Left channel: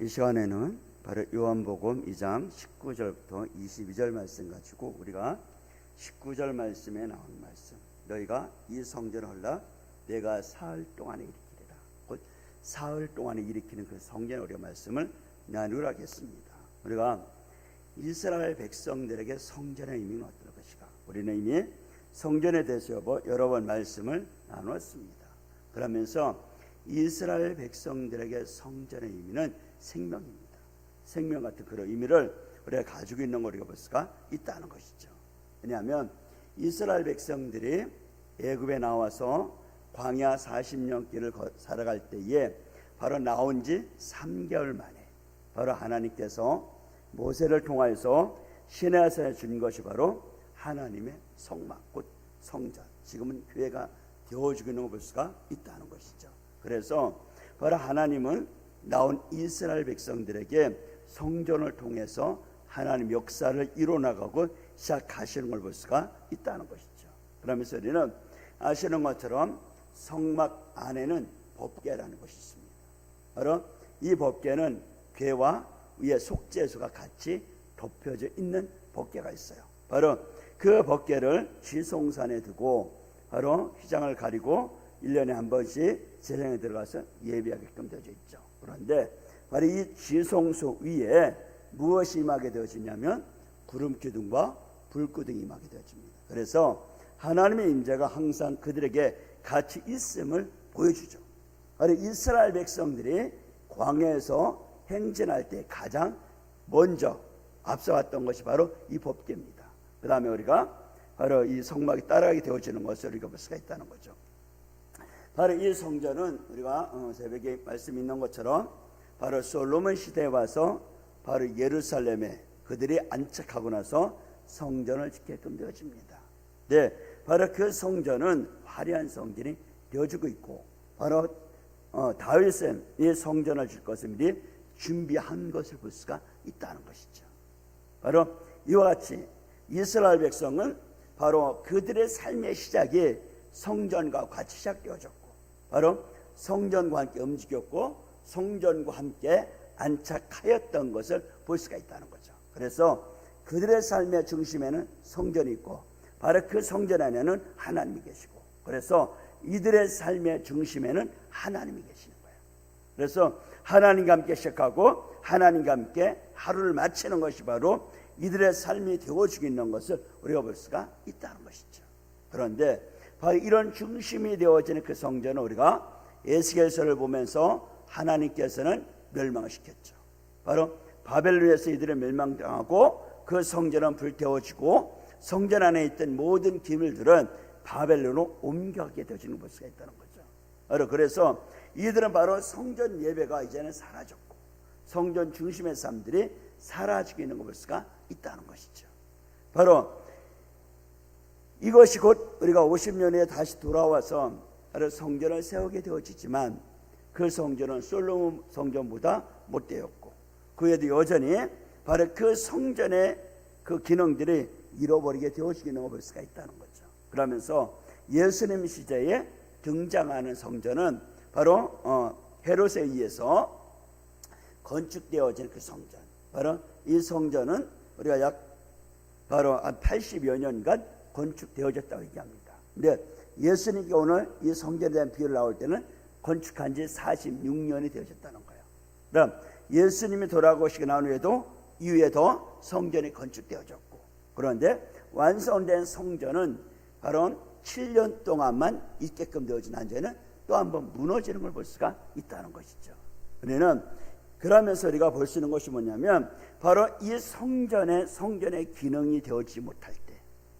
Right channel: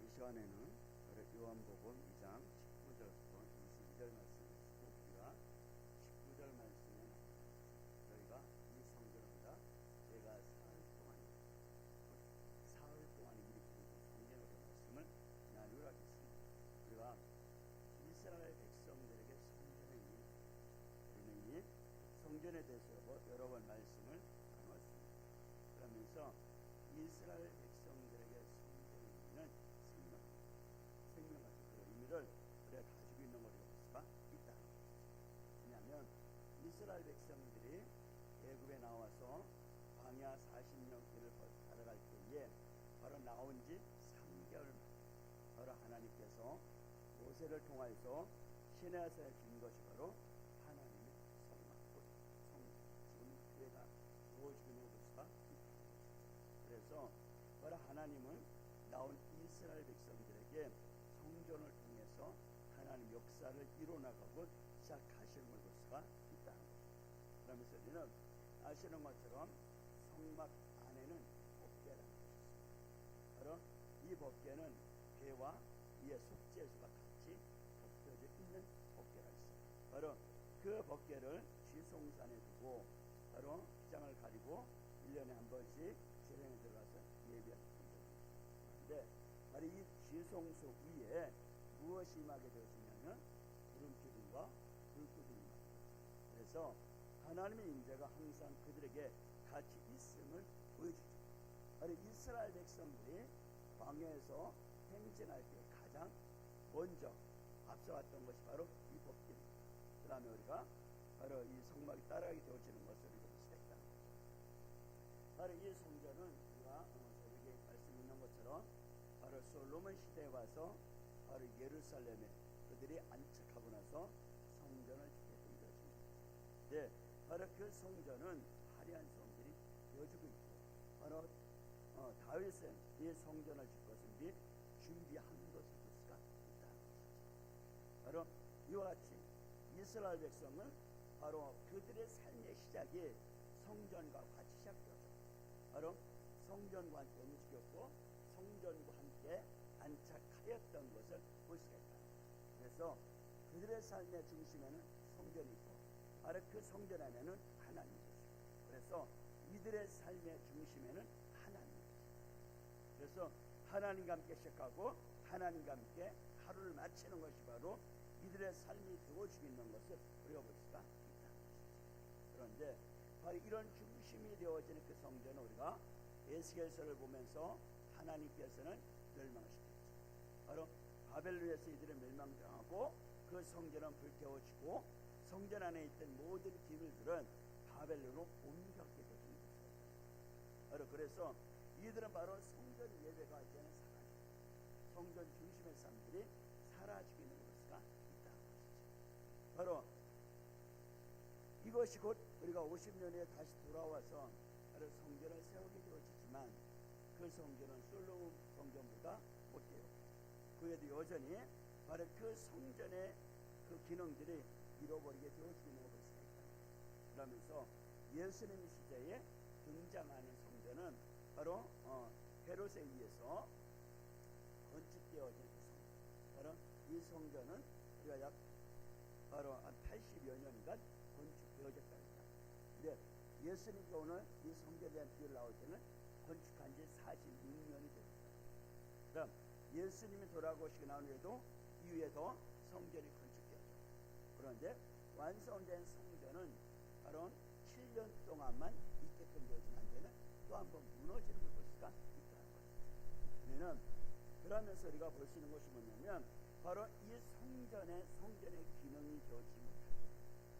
이 시간에는 바로 요한복음 2장 19절부터 22절 말씀 가지고 우리가 19절 말씀에 나온 말씀. 너희가 이 성전을 헐라 내가 사흘 동안에 일으키리라. 곧 사흘 동안에 일으키는 그 성전 우리가 말씀을 나누려 하겠습니다. 우리가 이스라엘 백성들에게 성전의 의미는 어떤 것인가? 우리는 이미 성전에 대해서 여러 번 말씀을 나누었습니다. 그러면서 이스라엘 백성들에게 성전의 의미는 생명입니다. 생명 같은 그런 의미를 우리가 가지고 있는 볼 수가 있다는 것이죠. 왜냐하면 이스라엘 백성들이 애굽에 나와서 광야 40년 길을 거- 살아갈 때에 바로 나온 지 3개월 만에 바로 하나님께서 모세를 통하여서 시내산에 준 것이 바로 하나님의 성막 곧 성전 지금은 교회가 되어지고 있는 걸볼 수가 있다는 것이죠. 그래서 바로 하나님은 나온 이스라엘 백성들에게 성전을 통해서 하나님 역사를 이뤄나가고 시작하시는 걸 볼 수가 있다는 것이죠. 그러면서 우리는 아시는 것처럼 성막 안에는 법궤라는 것이 있습니다. 바로 이 법궤는 괴와 위에 속죄소가 같이 덮여져 있는 법궤가 있어요. 바로 그 법궤를 지송산에 두고 바로 휘장을 가리고 1년에 한 번씩 세상에 들어가서 예배하게끔 되어 있죠. 그런데 바로 이 지성소 위에 무엇이 임하게 되어지냐면 구름 기둥과 불 기둥이 임하게 되어집니다. 그래서 하나님의 임재가 항상 그들에게 같이 있음을 보여주죠. 바로 이스라엘 백성들이 광야에서 행진할 때 가장 먼저 앞서갔던 것이 바로 이 법계입니다. 그 다음에 우리가 바로 이 성막이 따라가게 되어지는 것을 우리가 볼 수가 있다는 거죠. 바로 이 성전은 우리가 어, 새벽에 말씀 있는 것처럼 바로 솔로몬 시대에 와서 바로 예루살렘에 그들이 안착하고 나서 성전을 짓게끔 되어집니다. 네, 바로 그 성전은 화려한 성전이 되어지고 있고 바로 어, 다윗은 이 성전을 질 것을 미리 준비한 것을 볼 수가 있다는 것이죠. 바로 이와 같이 이스라엘 백성은 바로 그들의 삶의 시작이 성전과 같이 시작되어졌고 바로 성전과 함께 움직였고 성전과 함께 안착하였던 것을 볼 수가 있다는 거죠. 그래서 그들의 삶의 중심에는 성전이 있고 바로 그 성전 안에는 하나님이 계시고 그래서 이들의 삶의 중심에는 하나님이 계시는 거예요. 그래서 하나님과 함께 시작하고 하나님과 함께 하루를 마치는 것이 바로 이들의 삶이 되어지고 있는 것을 우리가 볼 수가 있다는 것이죠. 그런데 바로 이런 중심이 되어지는 그 성전을 우리가 에스겔서를 보면서 하나님께서는 멸망시켰죠. 바로 바벨론에서 이들을 멸망당하고 그 성전은 불태워지고 성전 안에 있던 모든 기밀들은 바벨론으로 옮겨가게 되어지는 볼 수가 있다는 거죠. 바로 그래서 이들은 바로 성전 예배가 이제는 사라졌고 성전 중심의 사람들이 사라지고 있는 걸볼 수가 있다는 것이죠. 바로 이것이 곧 우리가 50년 후에 다시 돌아와서 성전을 세우게 되어지지만 그 성전은 솔로몬 성전보다 못되었고 그에도 여전히 바로 그 성전의 그 기능들이 잃어버리게 되어지는 걸 볼 수가 있다는 거죠. 그러면서 예수님 시대에 등장하는 성전은 바로 어, 헤롯에 의해서 건축되어진 그 성전. 바로 이 성전은 우리가 약 바로 한 80여 년간 건축되어졌다고 얘기합니다. 근데 예수님께 오늘 이 성전에 대한 비유를 나올 때는 건축한 지 46년이 되어졌다는 거예요. 그럼 예수님이 돌아오시고 난 후에도 이후에도 성전이 건축되어졌고 그런데 완성된 성전은 바로 7년 동안만 있게끔 되어진 한전은 또한 번 무너지는 걸 볼 수가 있다는 것이죠. 우리는 그러면서 우리가 볼 수 있는 것이 뭐냐면 바로 이 성전의 성전의 기능이 되어지지 못할 때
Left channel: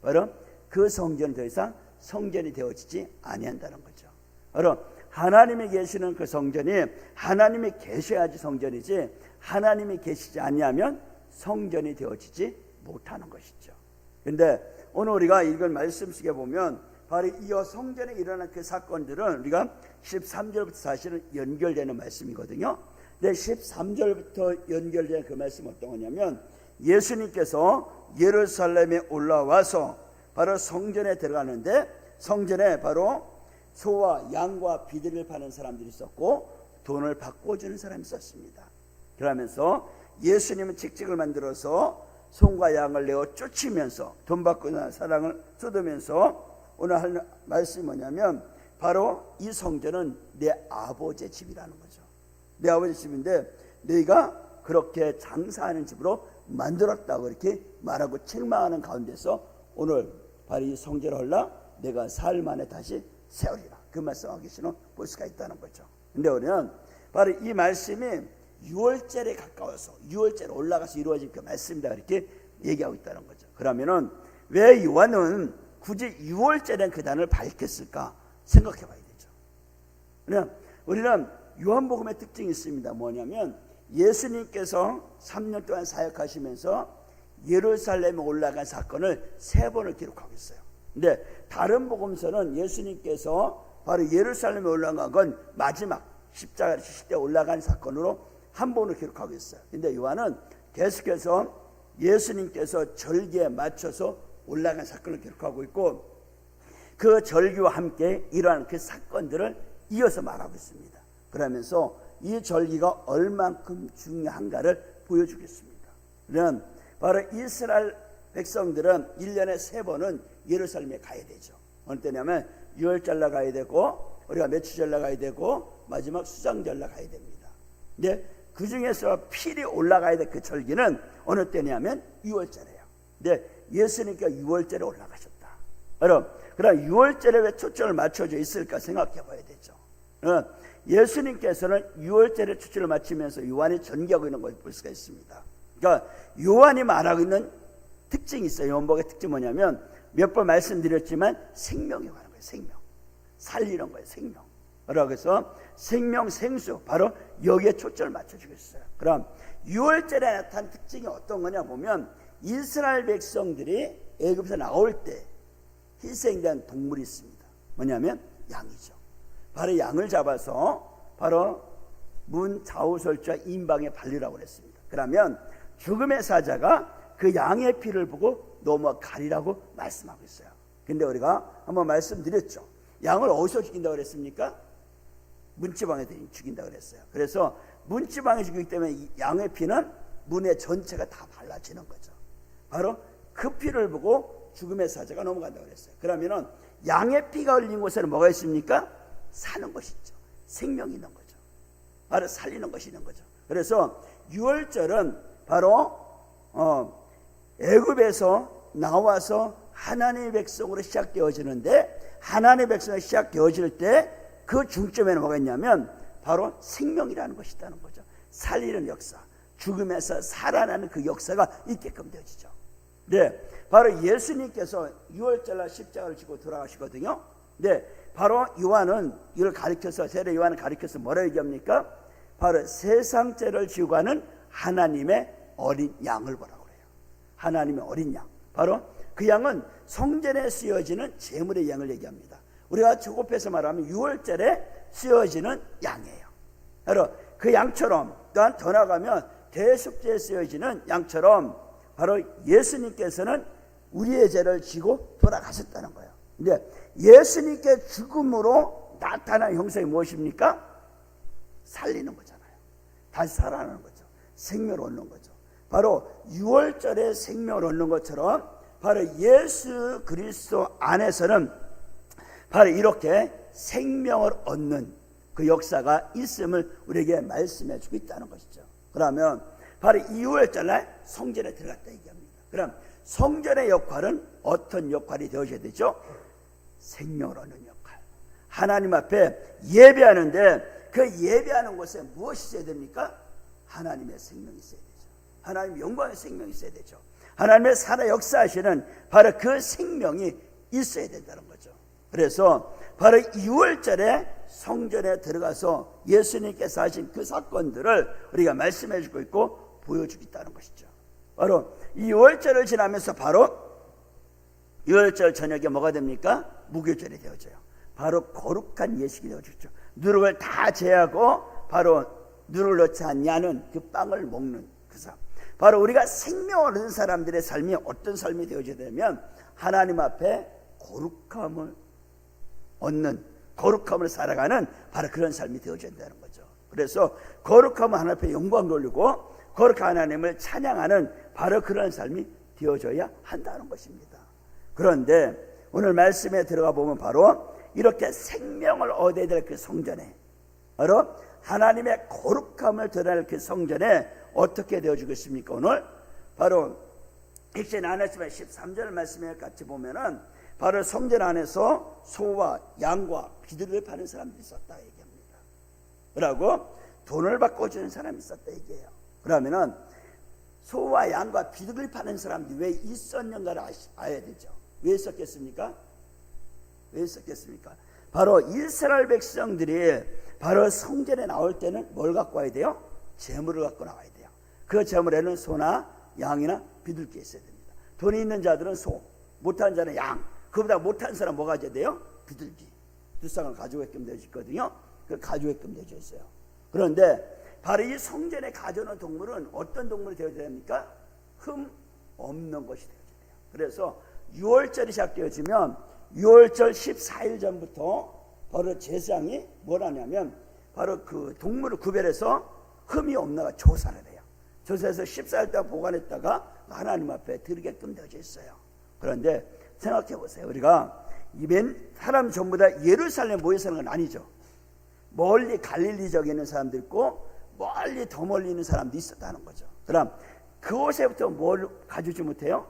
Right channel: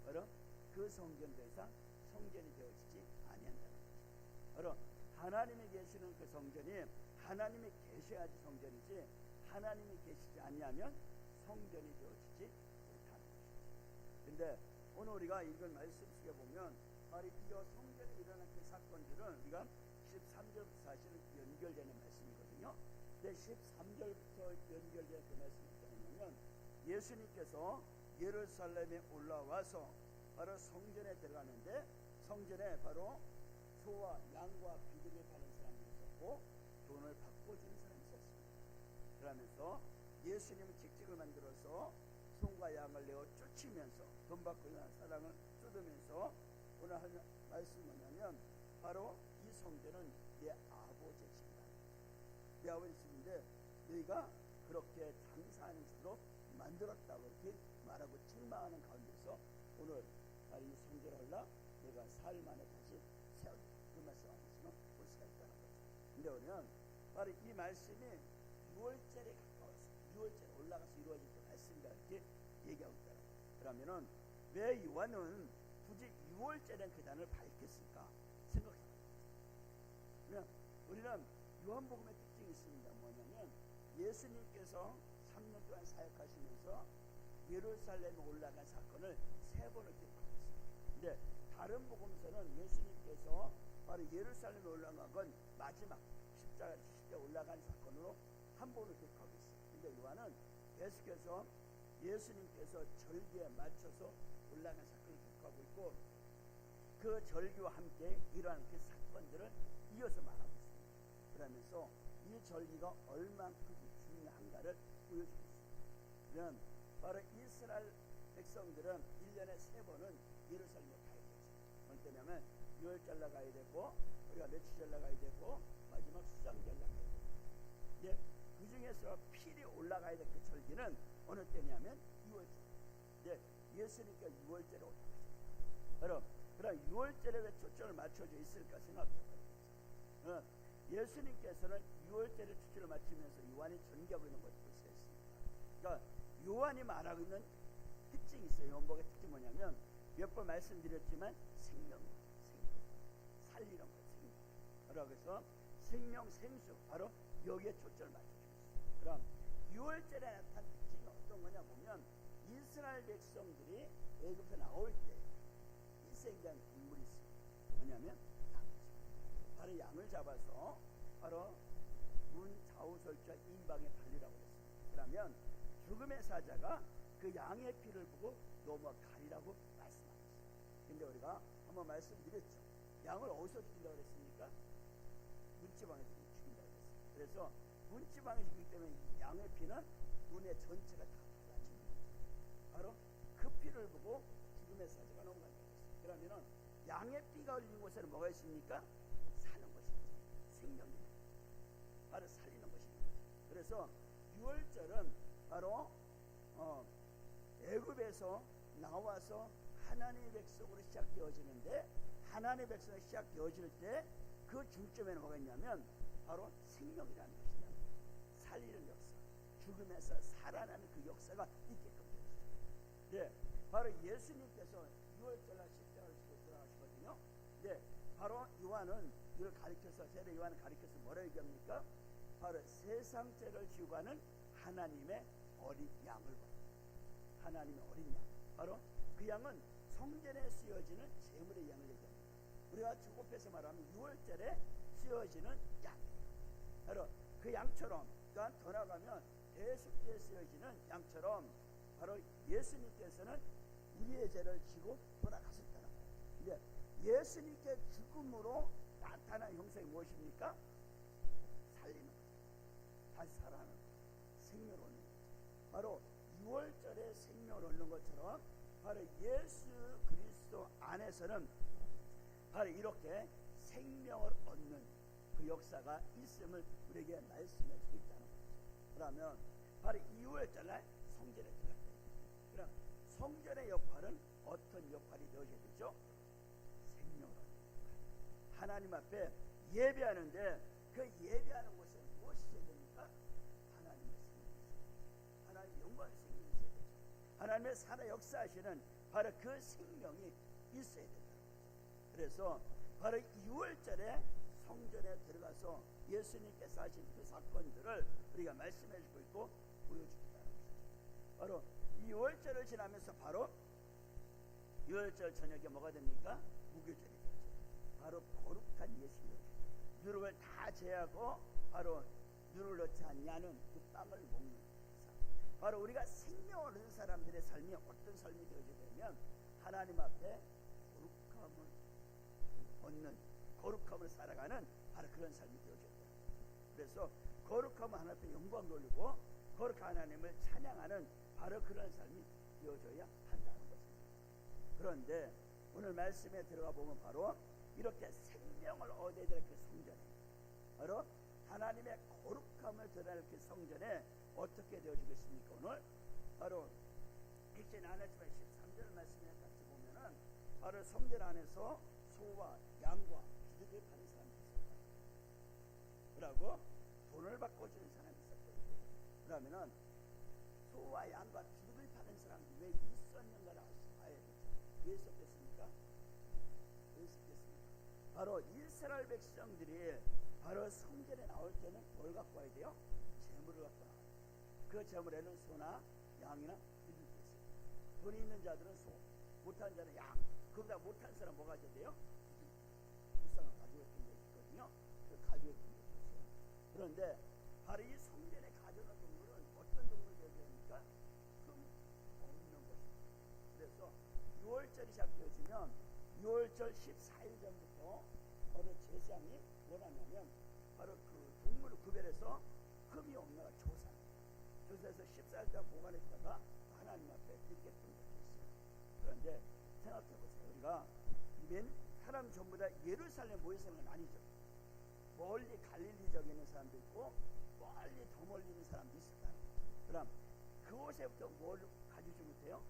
바로 그 성전이 더 이상 성전이 되어지지 아니한다는 거죠. 바로 하나님이 계시는 그 성전이 하나님이 계셔야지 성전이지 하나님이 계시지 아니하면 성전이 되어지지 못하는 것이죠. 근데 오늘 우리가 이걸 말씀 속에 보면 바로 이 성전에 일어난 그 사건들은 우리가 13절부터 사실은 연결되는 말씀이거든요. 근데 13절부터 연결된 그 말씀 어떤 거냐면 예수님께서 예루살렘에 올라와서 바로 성전에 들어가는데 성전에 바로 소와 양과 비둘기를 파는 사람들이 있었고 돈을 바꿔주는 사람이 있었습니다. 그러면서 예수님은 직직을 만들어서 송과 양을 내어 쫓으면서 돈 받고 난 사랑을 쏟으면서 오늘 할 말씀이 뭐냐면 바로 이 성전은 내 아버지의 집이라는 거죠. 내 아버지 집인데 너희가 그렇게 장사하는 집으로 만들었다고 이렇게 말하고 책망하는 가운데서 오늘 바로 이 성전을 헐라 내가 사흘 만에 다시 세우리라 그 말씀하고 계시는 볼 수가 있다는 거죠. 근데 우리는 바로 이 말씀이 6월절에 가까워서 6월절에 올라가서 이루어진 그 말씀이다 이렇게 얘기하고 있다는 거죠. 그러면은 왜 요한은 굳이 6월절에 그 단을 밝혔을까 생각해 봐야 되죠. 우리는 요한복음의 특징이 있습니다. 뭐냐면 예수님께서 3년 동안 사역하시면서 예루살렘에 올라간 사건을 세 번을 기록하고 있어요. 근데 다른 복음서는 예수님께서 바로 예루살렘에 올라간 건 마지막 십자가 지실 때 올라간 사건으로 한 번을 기록하고 있어요. 근데 요한은 계속해서 예수님께서 절기에 맞춰서 올라간 사건을 기록하고 있고 그 절기와 함께 이러한 그 사건들을 이어서 말하고 있습니다. 그러면서 이 절기가 얼만큼 중요한가를 보여주겠습니다. 그럼 바로 이스라엘 백성들은 1년에 세 번은 예루살렘에 가야 되죠. 어느 때냐면 6월절 날 가야 되고 우리가 며칠절 날 가야 되고 마지막 수장절 날 가야 됩니다. 근데 그 중에서 필히 올라가야 될 그 절기는 어느 때냐면 6월절이에요. 근데 예수님께 6월절에 올라가셨다. 여러분, 그럼 6월절에 왜 초점을 맞춰져 있을까 생각해 봐야 되죠. 어, 예수님께서는 6월절에 초점을 맞추면서 요한이 전개하고 있는 걸 볼 수가 있습니다. 그러니까 요한이 말하고 있는 특징이 있어요. 요한복의 특징 뭐냐면 몇 번 말씀드렸지만 생명이 가는 거예요. 생명. 살리는 거예요. 생명. 그러고 해서 생명 생수 바로 여기에 초점을 맞춰주고 있어요. 그럼 6월절에 나타난 특징이 어떤 거냐 보면 이스라엘 백성들이 애굽에서 나올 때 희생된 동물이 있습니다. 뭐냐면 양이죠. 바로 양을 잡아서 바로 문 좌우설주와 인방에 발리라고 그랬습니다. 그러면 죽음의 사자가 그 양의 피를 보고 넘어가리라고 말씀하고 있어요. 근데 우리가 한번 말씀드렸죠. 양을 어디서 죽인다고 그랬습니까? 문지방에 죽인다고 그랬어요. 그래서 문지방에 죽이기 때문에 양의 피는 문의 전체가 다 발라지는 거죠. 바로 그 피를 보고 죽음의 사자가 넘어간다고 그랬어요. 그러면은 양의 피가 흘린 곳에는 뭐가 있습니까? 사는 것이 있죠. 생명이 있는 거죠. 바로 살리는 것이 있는 거죠. 그래서 6월절은 바로 어, 애굽에서 나와서 하나님의 백성으로 시작되어지는데 하나님의 백성으로 시작되어질 때 그 중점에는 뭐가 있냐면 바로 생명이라는 것이 있다는 거죠. 살리는 역사, 죽음에서 살아나는 그 역사가 있게끔 되어지죠. 네, 바로 예수님께서 6월절날 십자가를 지고 돌아가시거든요. 네, 바로 요한은 이걸 가리켜서 세례 요한을 가리켜서 뭐라 얘기합니까? 바로 세상 죄를 지고 가는 하나님의 어린 양을 보라고 그래요. 하나님의 어린 양. 바로 그 양은 성전에 쓰여지는 제물의 양을 얘기합니다. 우리가 조급해서 말하면 6월절에 쓰여지는 양이에요. 바로 그 양처럼 또한 더 나가면 대속제에 쓰여지는 양처럼 바로 예수님께서는 우리의 죄를 지고 돌아가셨다는 거예요. 근데 예수님께 죽음으로 나타난 형상이 무엇입니까? 살리는 거잖아요. 다시 살아나는 거죠. 생명을 얻는 거죠. 바로 6월절에 생명을 얻는 것처럼 바로 예수 그리스도 안에서는 바로 이렇게 생명을 얻는 그 역사가 있음을 우리에게 말씀해 주고 있다는 것이죠. 그러면 바로 2월절날 성전에 들어갔다 얘기합니다. 그럼 성전의 역할은 어떤 역할이 되어져야 되죠? 생명을 얻는 역할. 하나님 앞에 예배하는데 그 예배하는 곳에 무엇이 있어야 됩니까? 하나님의 생명이 있어야 되죠. 하나님 영광의 생명이 있어야 되죠. 하나님의 살아 역사하시는 바로 그 생명이 있어야 된다는 거죠. 그래서 바로 2월절에 성전에 들어가서 예수님께서 하신 그 사건들을 우리가 말씀해 주고 있고 보여주고 있다는 것이죠. 바로 2월절을 지나면서 바로 6월절 저녁에 뭐가 됩니까? 무교절이 되어져요. 바로 거룩한 예식이 되어지죠. 누룩을 다 제하고 바로 누룩을 넣지 않냐는 그 빵을 먹는 그 삶. 바로 우리가 생명을 얻은 사람들의 삶이 어떤 삶이 되어져야 되면 하나님 앞에 거룩함을 얻는 거룩함을 살아가는 바로 그런 삶이 되어져야 된다는 거죠. 그래서 거룩하면 하나님 앞에 영광 돌리고 거룩한 하나님을 찬양하는 바로 그런 삶이 되어져야 한다는 것입니다. 그런데 오늘 말씀에 들어가 보면 바로 이렇게 생명을 얻어야 될 그 성전에 바로 하나님의 거룩함을 드러낼 그 성전에 어떻게 되어주겠습니까? 오늘 바로 액션 안에서만 13절 말씀에 같이 보면은 바로 성전 안에서 소와 양과 비둘기를 파는 사람들이 있었다 얘기합니다. 그러고 돈을 바꿔주는 사람이 있었다 얘기해요. 그러면은 소와 양과 비둘기를 파는 사람들이 왜 있었는가를 아시, 아야 되죠. 왜 있었겠습니까? 왜 있었겠습니까? 바로 이스라엘 백성들이 바로 성전에 나올 때는 뭘 갖고 와야 돼요? 재물을 갖고 나와야 돼요. 그 재물에는 소나 양이나 비둘기 있어야 됩니다. 돈이 있는 자들은 소, 못한 자는 양. 그보다 못한 사람 뭐 가 져야 돼요? 비둘기. 두 쌍을 가져오게끔 되어 있거든요. 그 가져오게끔 되어 있어요. 그런데 바로 이 성전에 가져오는 동물은 어떤 동물이 되어야 됩니까? 흠 없는 것이 되어야 돼요. 그래서 6월절이 시작되어지면 6월절 14일 전부터 바로 제사장이 뭘 하냐면 바로 그 동물을 구별해서 흠이 없나가 조사를 해요. 조사해서 14일 동안 보관했다가 하나님 앞에 드리게끔 되어져 있어요. 그런데 생각해 보세요. 우리가 이맨 사람 전부 다 예루살렘 모여 사는 건 아니죠. 멀리 갈릴리 지역에 있는 사람도 있고 멀리 더 멀리 있는 사람도 있었다는 거죠. 그럼 그곳에부터 뭘 가져오지 못해요?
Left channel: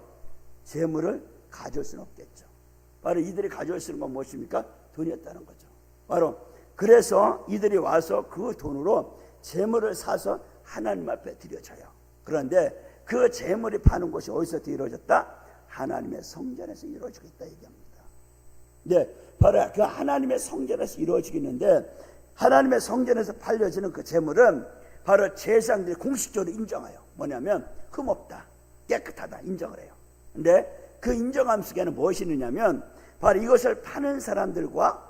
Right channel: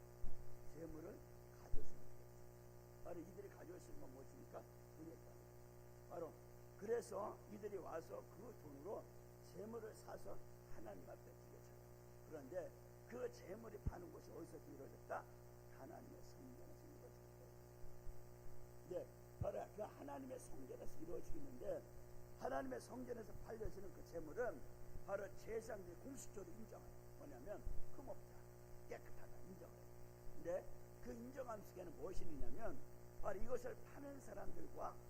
재물을 가져올 수는 없겠죠. 바로 이들이 가져올 수 있는 건 무엇입니까? 돈이었다는 거죠. 바로 그래서 이들이 와서 그 돈으로 재물을 사서 하나님 앞에 드려져요. 그런데 그 재물이 파는 곳이 어디서 이루어졌다? 하나님의 성전에서 이루어지고 있다 얘기합니다. 네, 바로 그 하나님의 성전에서 이루어지겠는데 하나님의 성전에서 팔려지는 그 재물은 바로 제사장들이 공식적으로 인정해요. 뭐냐면 흠없다, 깨끗하다 인정을 해요. 근데 그 인정함 속에는 무엇이 있느냐면 바로 이것을 파는 사람들과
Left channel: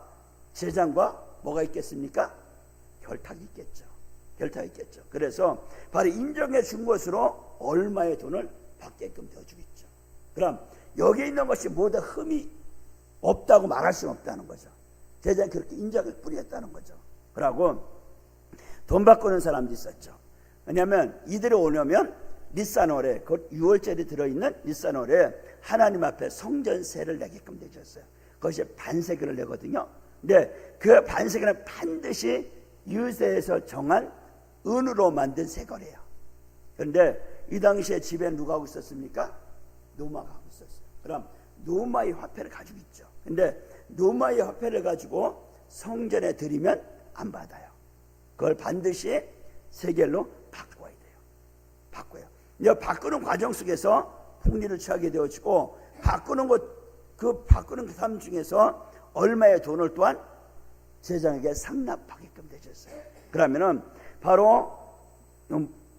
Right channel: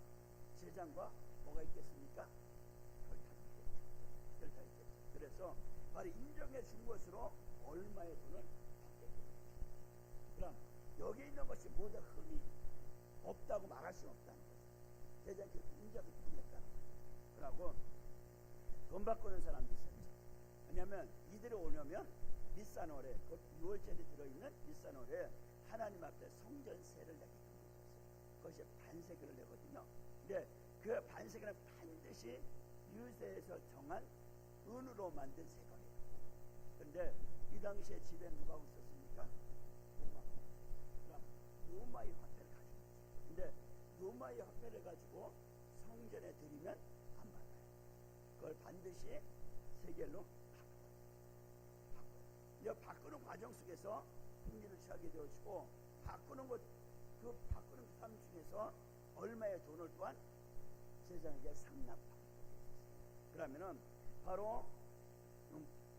제장과 뭐가 있겠습니까? 결탁이 있겠죠. 결탁이 있겠죠. 그래서 바로 인정해 준 것으로 얼마의 돈을 받게끔 되어주겠죠. 그럼 여기 있는 것이 모두 흠이 없다고 말할 수는 없다는 거죠. 제장이 그렇게 인정을 뿌렸다는 거죠. 그러고 돈 바꾸는 사람도 있었죠. 왜냐하면 이들이 오려면 리사노래, 곧 6월절이 들어있는 리사노래 하나님 앞에 성전세를 내게끔 되셨어요. 그것이 반세기를 내거든요. 근데 그 반세기는 반드시 유세에서 정한 은으로 만든 세거래요. 그런데 이 당시에 집에 누가 하고 있었습니까? 노마가 하고 있었어요. 그럼 노마의 화폐를 가지고 있죠. 근데 노마의 화폐를 가지고 성전에 드리면 안 받아요. 그걸 반드시 세겔로. 바꾸는 과정 속에서 풍리를 취하게 되어지고 바꾸는 것 그 바꾸는 그 삶 중에서 얼마의 돈을 또한 제장에게 상납하게끔 되셨어요. 그러면은 바로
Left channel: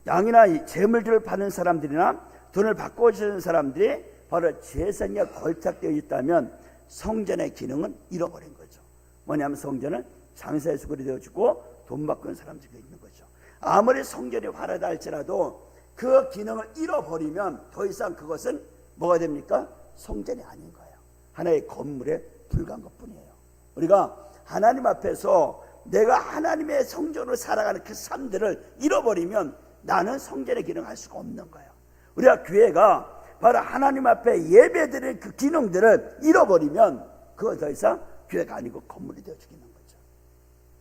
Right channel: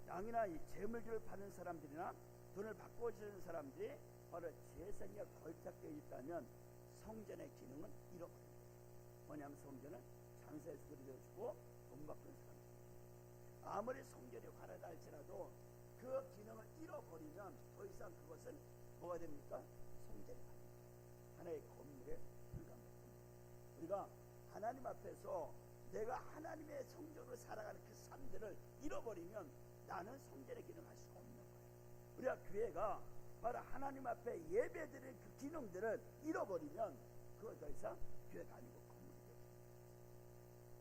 양이나 재물들을 받는 사람들이나 돈을 바꿔 주는 사람들이 바로 재산에 걸착되어 있다면 성전의 기능은 잃어버린 거죠. 뭐냐면 성전은 장사의 수굴이 되어지고 돈 바꾸는 사람들이 있는 거죠. 아무리 성전이 화려다 할지라도 그 기능을 잃어버리면 더 이상 그것은 뭐가 됩니까? 성전이 아닌 거예요. 하나의 건물에 불과한 것 뿐이에요. 우리가 하나님 앞에서 내가 하나님의 성전으로 살아가는 그 삶들을 잃어버리면 나는 성전의 기능을 할 수가 없는 거예요. 우리가 교회가 바로 하나님 앞에 예배드릴 그 기능들을 잃어버리면 그거 더 이상 교회가 아니고 건물이 되어 죽이는 거죠.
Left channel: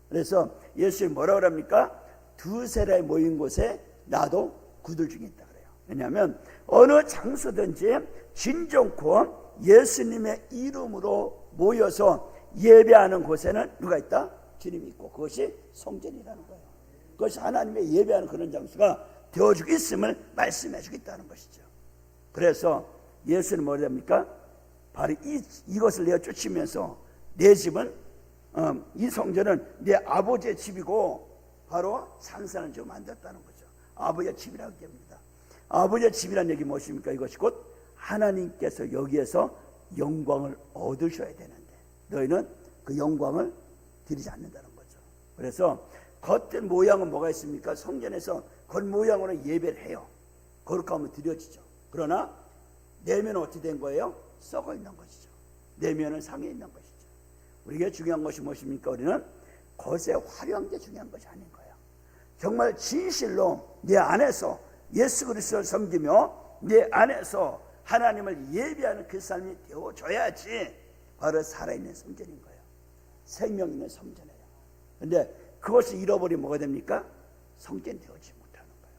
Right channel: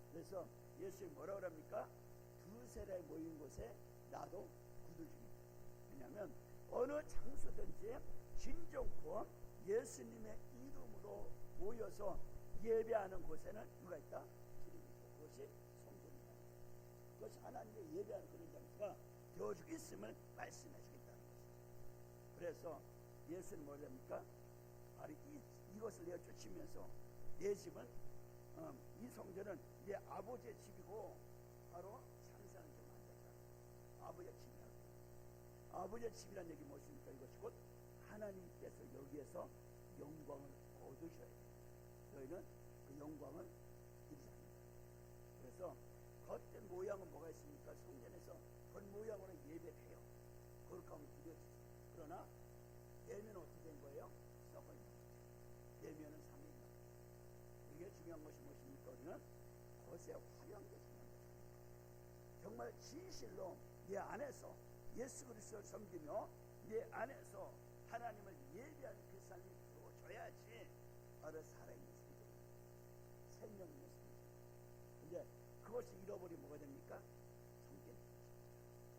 그래서 예수님 뭐라고 합니까? 두 세례 모인 곳에 나도 구들 중에 있다 그래요. 왜냐하면 어느 장소든지 진정코 예수님의 이름으로 모여서 예배하는 곳에는 누가 있다? 주님이 있고 그것이 성전이라는 거예요. 그것이 하나님의 예배하는 그런 장소가 되어주고 있음을 말씀해 주겠다는 것이죠. 그래서 예수는 뭐라 합니까? 바로 이, 이것을 내어 쫓으면서 내 집은 어, 이 성전은 내 아버지의 집이고 바로 산산을 좀 만들었다는 거죠. 아버지의 집이라고 얘기합니다. 아버지의 집이라는 얘기 무엇입니까? 이것이 곧 하나님께서 여기에서 영광을 얻으셔야 되는데 너희는 그 영광을 드리지 않는다는 거죠. 그래서 겉된 모양은 뭐가 있습니까? 성전에서 겉 모양으로 예배를 해요. 거룩하면 드려지죠. 그러나 내면은 어떻게 된 거예요? 썩어 있는 것이죠. 내면은 상해 있는 것이죠. 우리에게 중요한 것이 무엇입니까? 우리는 겉에 화려한 게 중요한 것이 아닌 거예요. 정말 진실로 내 안에서 예수 그리스도를 섬기며 내 안에서 하나님을 예비하는 그 삶이 되어줘야지 바로 살아있는 성전인 거예요. 생명 있는 성전이에요. 근데 그것을 잃어버리면 뭐가 됩니까? 성전 되어지 못하는 거예요.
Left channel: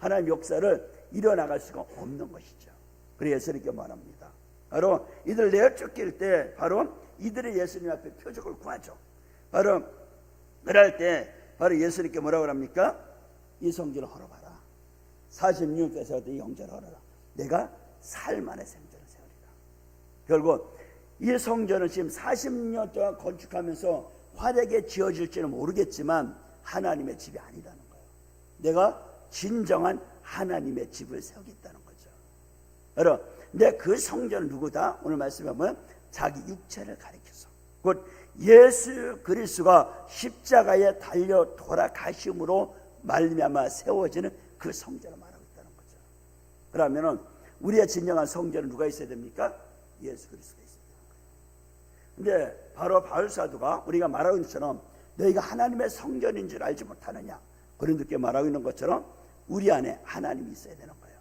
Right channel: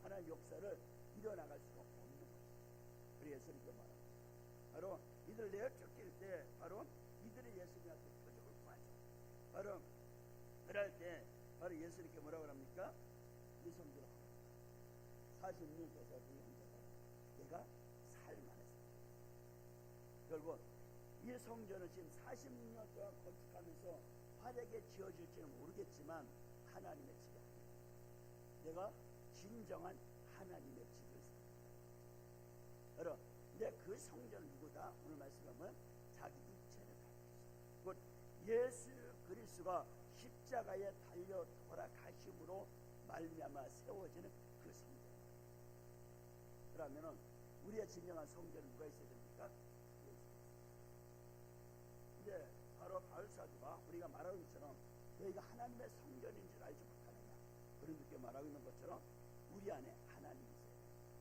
하나님 역사를 이뤄나갈 수가 없는 것이죠. 그래서 이렇게 말합니다. 바로 이들 내어 쫓길 때 바로 이들의 예수님 앞에 표적을 구하죠. 바로 그럴 때 바로 예수님께 뭐라고 합니까? 이 성전을 헐어봐라. 46께서 이 영전을 헐어라. 내가 살만의 생전을 세우리라. 결국 이 성전은 지금 40년 동안 건축하면서 화려하게 지어질지는 모르겠지만 하나님의 집이 아니라는 거예요. 내가 진정한 하나님의 집을 세우겠다는 거죠. 여러분, 근데 그 성전은 누구다? 오늘 말씀에 보면 자기 육체를 가리켜서 곧 예수 그리스도가 십자가에 달려 돌아가심으로 말미암아 세워지는 그 성전을 말하고 있다는 거죠. 그러면은 우리의 진정한 성전은 누가 있어야 됩니까? 예수 그리스도가 있어야 되는. 근데 바로 바울 사도가 우리가 말하고 있는 것처럼 너희가 하나님의 성전인 줄 알지 못하느냐 그런 듯게 말하고 있는 것처럼 우리 안에 하나님이 있어야 되는 거예요.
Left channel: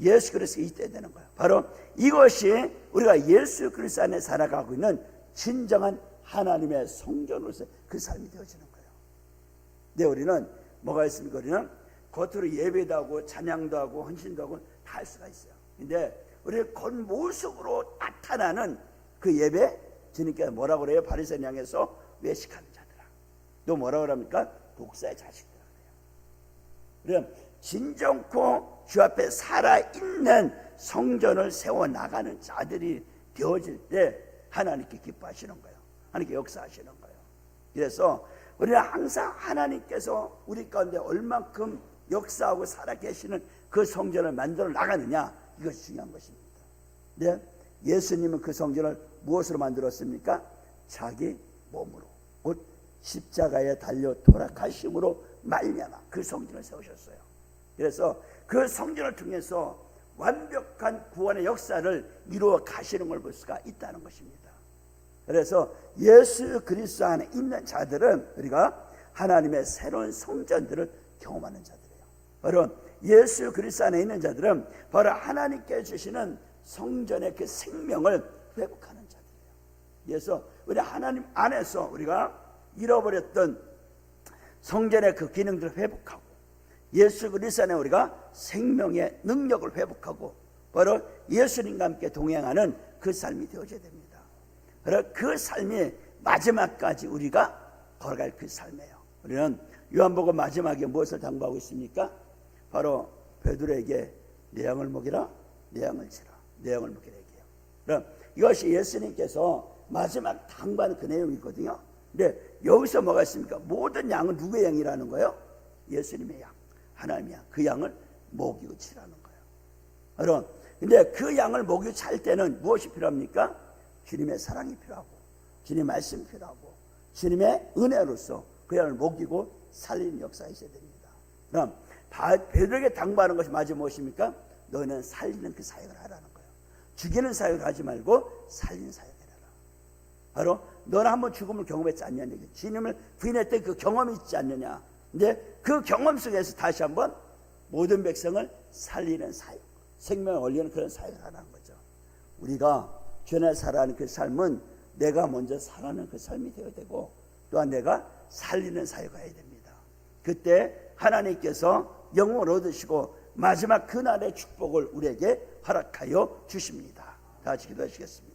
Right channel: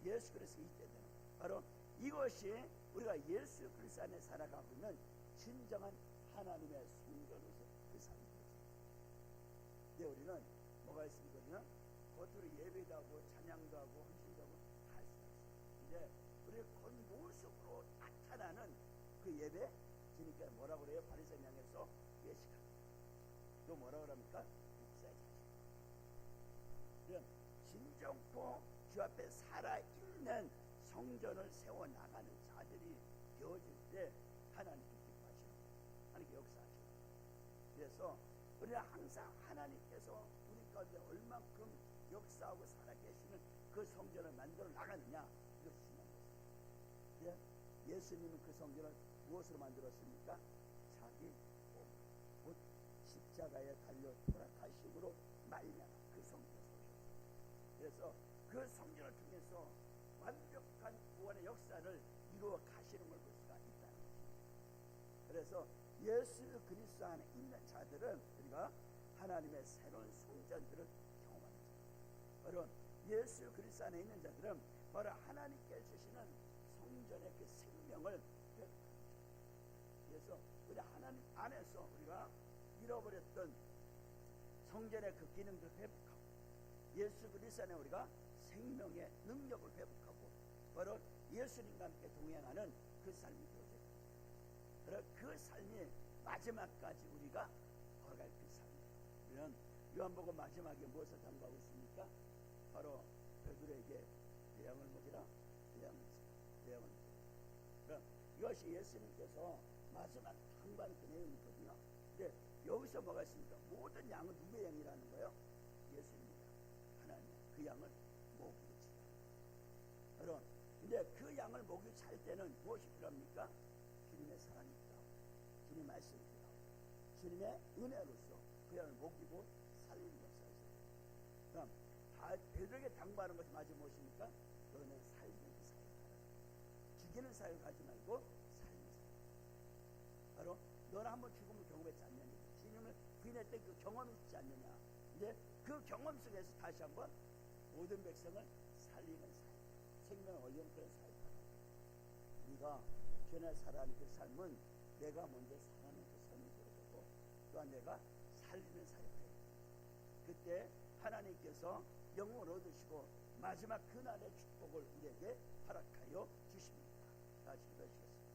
예수 그리스도가 있어야 되는 거예요. 바로 이것이 우리가 예수 그리스도 안에 살아가고 있는 진정한 하나님의 성전으로서 그 삶이 되어지는 거예요. 근데 우리는 뭐가 있습니까? 우리는 겉으로 예배도 하고 찬양도 하고 헌신도 하고 다 할 수가 있어요. 근데 우리 겉모습으로 나타나는 그 예배 주님께서 뭐라고 그래요? 바리새인 향해서 외식하는 자들아. 또 뭐라고 그럽니까? 독사의 자식들아. 그럼 진정코 주 앞에 살아있는 성전을 세워 나가는 자들이 되어질 때 하나님께 기뻐하시는 거예요. 하나님께 역사하시는 거예요. 그래서 우리는 항상 하나님께서 우리 가운데 얼만큼 역사하고 살아계시는 그 성전을 만들어 나가느냐 이것이 중요한 것입니다. 네? 예수님은 그 성전을 무엇으로 만들었습니까? 자기 몸으로 곧 십자가에 달려 돌아가심으로 말미암아 그 성전을 세우셨어요. 그래서 그 성전을 통해서 완벽한 구원의 역사를 이루어 가시는 걸 볼 수가 있다는 것입니다. 그래서 예수 그리스도 안에 있는 자들은 우리가 하나님의 새로운 성전들을 경험하는 자들이에요. 바로 예수 그리스도 안에 있는 자들은 바로 하나님께 주시는 성전의 그 생명을 회복하는 자들이에요. 그래서 우리 하나님 안에서 우리가 잃어버렸던 성전의 그 기능들을 회복하고 예수 그리스도 안에 우리가 생명의 능력을 회복하고 바로 예수님과 함께 동행하는 그 삶이 되어져야 됩니다. 그 삶이 마지막까지 우리가 걸어갈 그 삶이에요. 우리는 요한복음 마지막에 무엇을 당부하고 있습니까? 바로 베드로에게 내 양을 먹이라, 내 양을 치라, 내 양을 먹이라 얘기해요. 그럼 이것이 예수님께서 마지막 당부하는 그 내용이거든요. 근데 여기서 뭐가 있습니까? 모든 양은 누구의 양이라는 거예요? 예수님의 양, 하나님의 양. 그 양을 먹이고 치라는 거예요. 여러분, 근데 그 양을 먹이고 찰 때는 무엇이 필요합니까? 주님의 사랑이 필요하고, 주님의 말씀이 필요하고, 주님의 은혜로서 그 양을 먹이고 살리는 역사가 있어야 됩니다. 그럼 베드로에게 당부하는 것이 마지 무엇입니까? 너는 살리는 그 사역을 하라는 거예요. 죽이는 사역을 하지 말고 살리는 사역을 해라. 바로 너는 한번 죽음을 경험했지 않냐는. 주님을 부인했던 그 경험이 있지 않느냐. 근데 그 경험 속에서 다시 한번 모든 백성을 살리는 사역, 생명을 올리는 그런 사역을 하라는 거죠. 우리가 전에 살아가는 그 삶은 내가 먼저 살아는 그 삶이 되어야 되고 또한 내가 살리는 사역을 해야 됩니다. 그때 하나님께서 영을 얻으시고 마지막 그날의 축복을 우리에게 허락하여 주십니다. 다 같이 기도하시겠습니다.